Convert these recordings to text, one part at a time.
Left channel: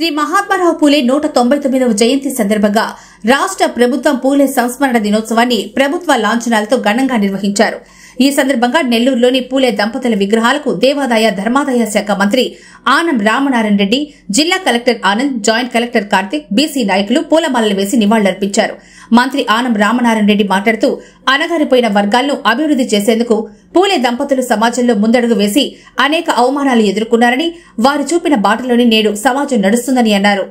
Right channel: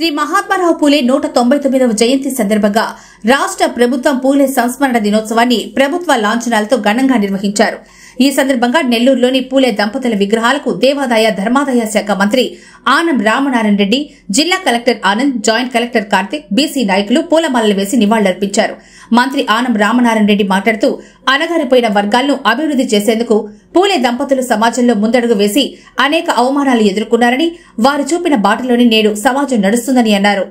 శ్రీ మహాత్మారావు పూలే 199వ జయంతి సందర్భంగా రాష్ట్ర ప్రభుత్వం పూలే సంస్మరణ దినోత్సవాన్ని ప్రభుత్వ లాంఛనాలతో ఘనంగా నిర్వహించారు. ఈ సందర్భంగా నెల్లూరులోని పూలే దంపతుల విగ్రహాలకు దేవాదాయ ధర్మాదాయ శాఖ మంత్రి ఆనం రామనారాయణ రెడ్డి, జిల్లా collector Anand, joint collector Karthik, BC నాయకులు పూలమాలలు వేసి నివాళులర్పించారు. మంత్రి ఆనం రామనారాయణ రెడ్డి మాట్లాడుతూ అణగారిపోయిన వర్గాలను అభివృద్ది చేసేందుకు పూలే దంపతులు సమాజంలో ముందడుగు వేసి అనేక అవమానాలు ఎదుర్కొన్నారని, వారు చూపిన బాటలోని నేడు సమాజం నడుస్తుందని అన్నారు.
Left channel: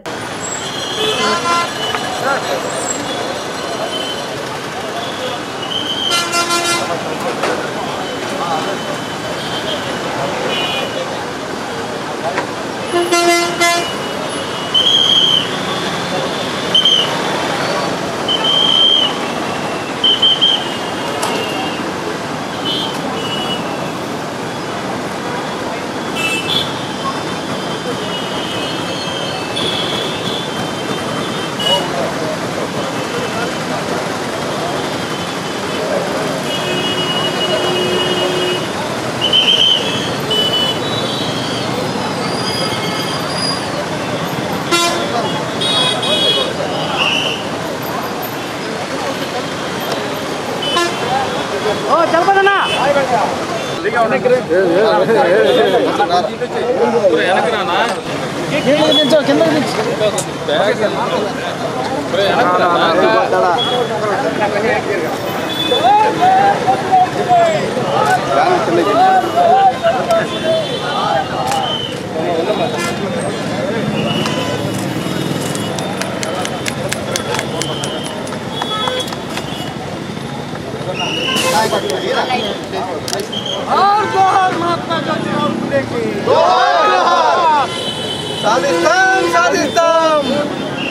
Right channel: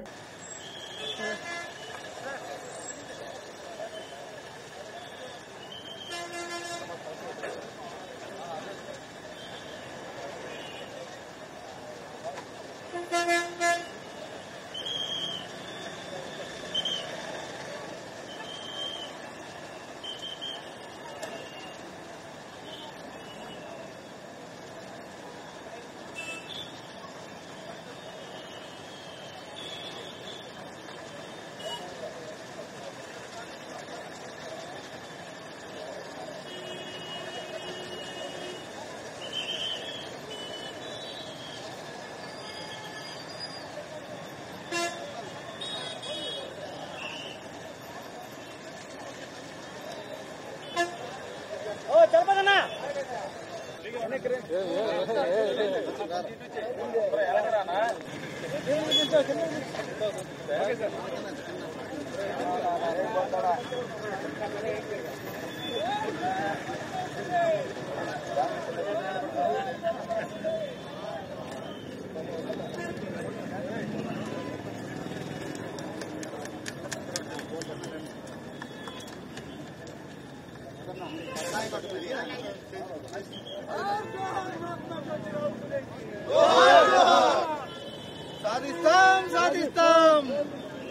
సాధిస్తాం సాధిస్తాం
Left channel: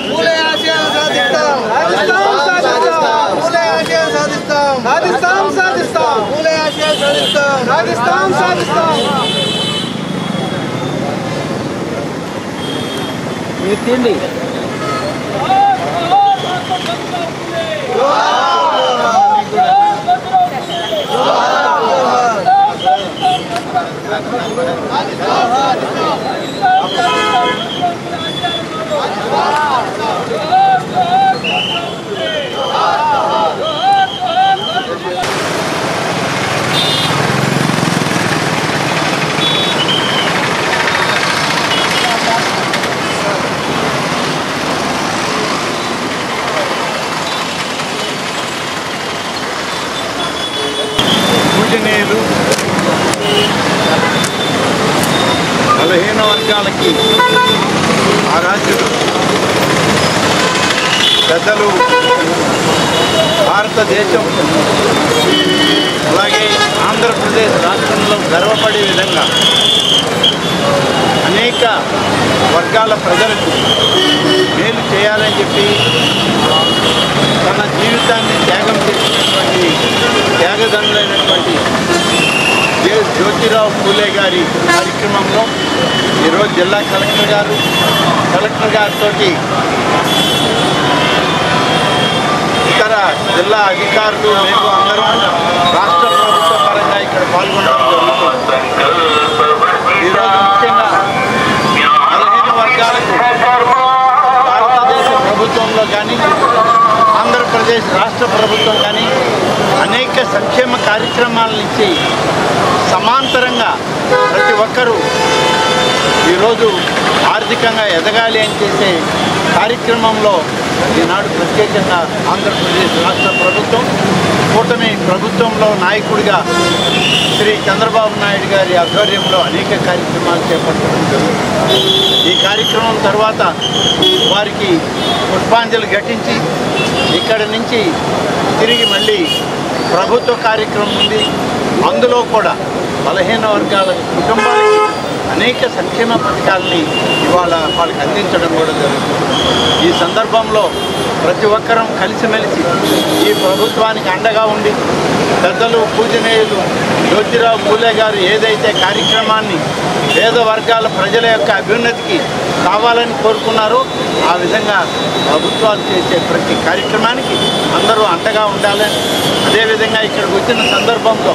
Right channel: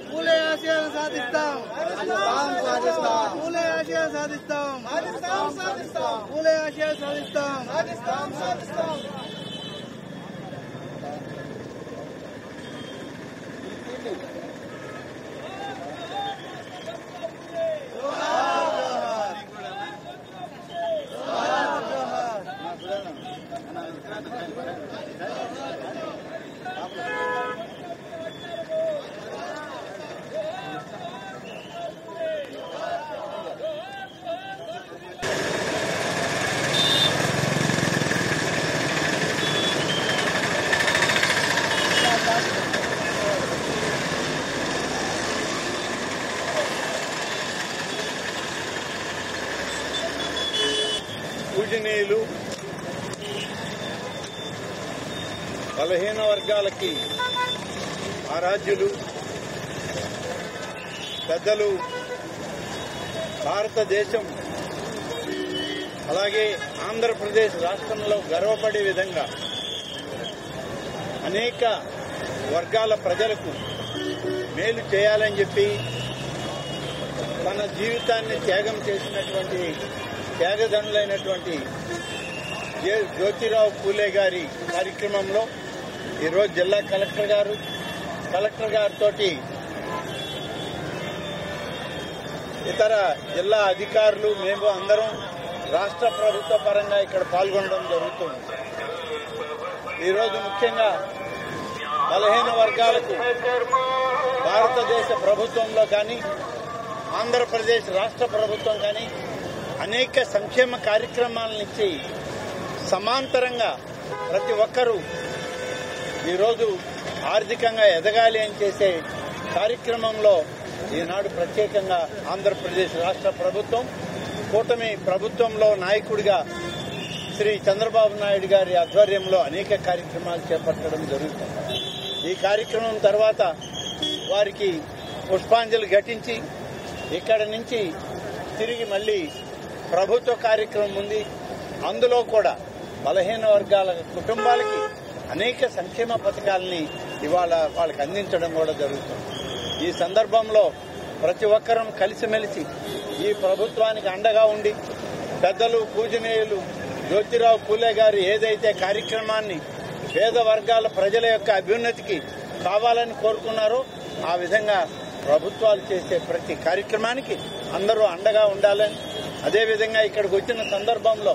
పూలే ఆశయాలు సాధిస్తాం పూలే ఆశయాలు సాధిస్తాం సాధిస్తాం సాధిస్తాం పూలే ఆశయాలు సాధిస్తాం సాధిస్తాం సాధిస్తాం మీరు తిండి పూజనీయులు బలహీన వర్గాలకి ఆరాధ్యులు పెద్దలు, భారతదేశం అలాగే ఆంధ్రప్రదేశ్ రాష్ట్రంలో గర్వపడే విధంగా అనేక వర్గాల ప్రజలకు మేలు చేయాలని చెప్పి తన జీవితాన్ని త్యాగం చేసినటువంటి త్యాగదనులైనటువంటి జ్యోతిరావు పూలే గారి కార్యక్రమంలో ఈరోజు జిల్లా కలెక్టర్ గారితో ఇతర జిల్లా అధికారులు మేము అందరం రాష్ట్ర ప్రభుత్వ పరంగా ఇక్కడ పాల్గొనడం జరుగుతుంది. ఈరోజు ముఖ్యంగా 15 వర్గాలకు భారతదేశ ప్రభుత్వంలో కానీ ఆంధ్రప్రదేశ్ రాష్ట్ర ప్రభుత్వం కానీ అనేక సంక్షేమ కార్యక్రమాల నుంచి సమాంతరంగా ప్రతి ఒక్కరూ ఈరోజు ఆర్థికంగా ఎదగాలి అని చేసే కార్యక్రమంలో ఈనాడు ప్రత్యేకంగా ఆంధ్రప్రదేశ్ రాష్ట్ర ప్రభుత్వం కూటమి ప్రభుత్వంలో నాయకుడిగా శ్రీ చంద్రబాబు నాయుడు గారి ఆధ్వర్యంలో అనేక కార్యక్రమాలు చేపట్టడం జరుగుతుంది. ఈ కార్యక్రమం తర్వాత వారికి పుష్పాంజలి ఘటించి ఇక్కడ నుంచి తిరిగి మళ్ళీ ప్రభుత్వ కార్యక్రమం ఉంది. అందులో కూడా బలహీన వర్గాల కుటుంబాలకి అనేక సంక్షేమ పథకాలని ఇవాళ వాళ్ళకి అందించడం కూడా జరుగుతుంది. ఈ సందర్భంలో ప్రతి ఒక్కరం కలిసిమెలిసి ఈ ప్రభుత్వానికి అండగా ఉండి పెద్దలు పూజనీయులు జ్యోతిరావు పూలే గారు ఏదైతే కార్యక్రమాన్ని పేద వర్గాల ప్రజల యొక్క అభ్యున్నతికి కావాలని కోరుకున్నారో ఆ విధంగా ప్రభుత్వాలు చేసే ప్రతి కార్యక్రమానికి అందరూ అండగా ఉండాలని, అదేవిధంగా ఇక్కడికి వచ్చిన సందర్భంలో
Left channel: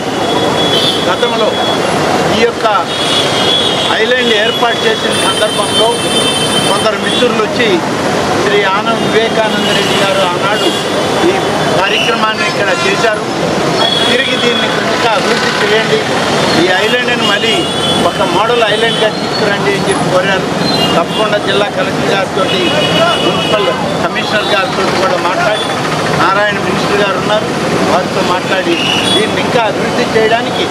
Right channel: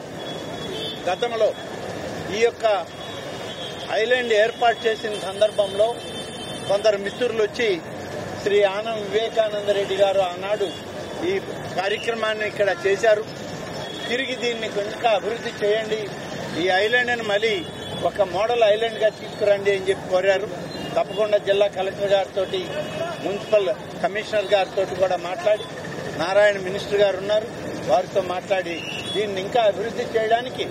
గతంలో ఈ యొక్క ఐలాండ్ ఏర్పాటు చేసిన సందర్భంలో కొందరు మిత్రులు వచ్చి శ్రీ ఆనంద్ వివేకానంద రెడ్డి గారు ఆనాడు ఈ కార్యక్రమాన్ని ఇక్కడ చేశారు. తిరిగి దీన్ని ఇంకా అభివృద్ధి చేయండి, ఈ ఐలాండ్ని మళ్ళీ ఒక మోడల్ ఐలాండ్గా తీసుకురండి అని చెప్పి కోరారు. తప్పకుండా జిల్లా కలెక్టర్ గారితో, మున్సిపల్ కమిషనర్ గారితో కూడా మాట్లాడి, నారాయణ మినిస్టర్ గారు ఉన్నారు, వారితో మాట్లాడి దీన్ని ఇంకా అభివృద్ధి చేయడానికి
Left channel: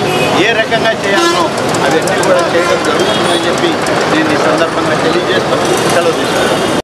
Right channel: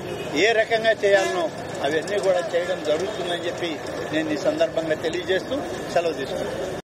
ఏ రకంగా చేయాలనో అవన్నీ కూడా చేయడం జరుగుతుందని చెప్పి నేను ఈ సందర్భంగా తెలియజేస్తూ సెలవు తీసుకుంటాను.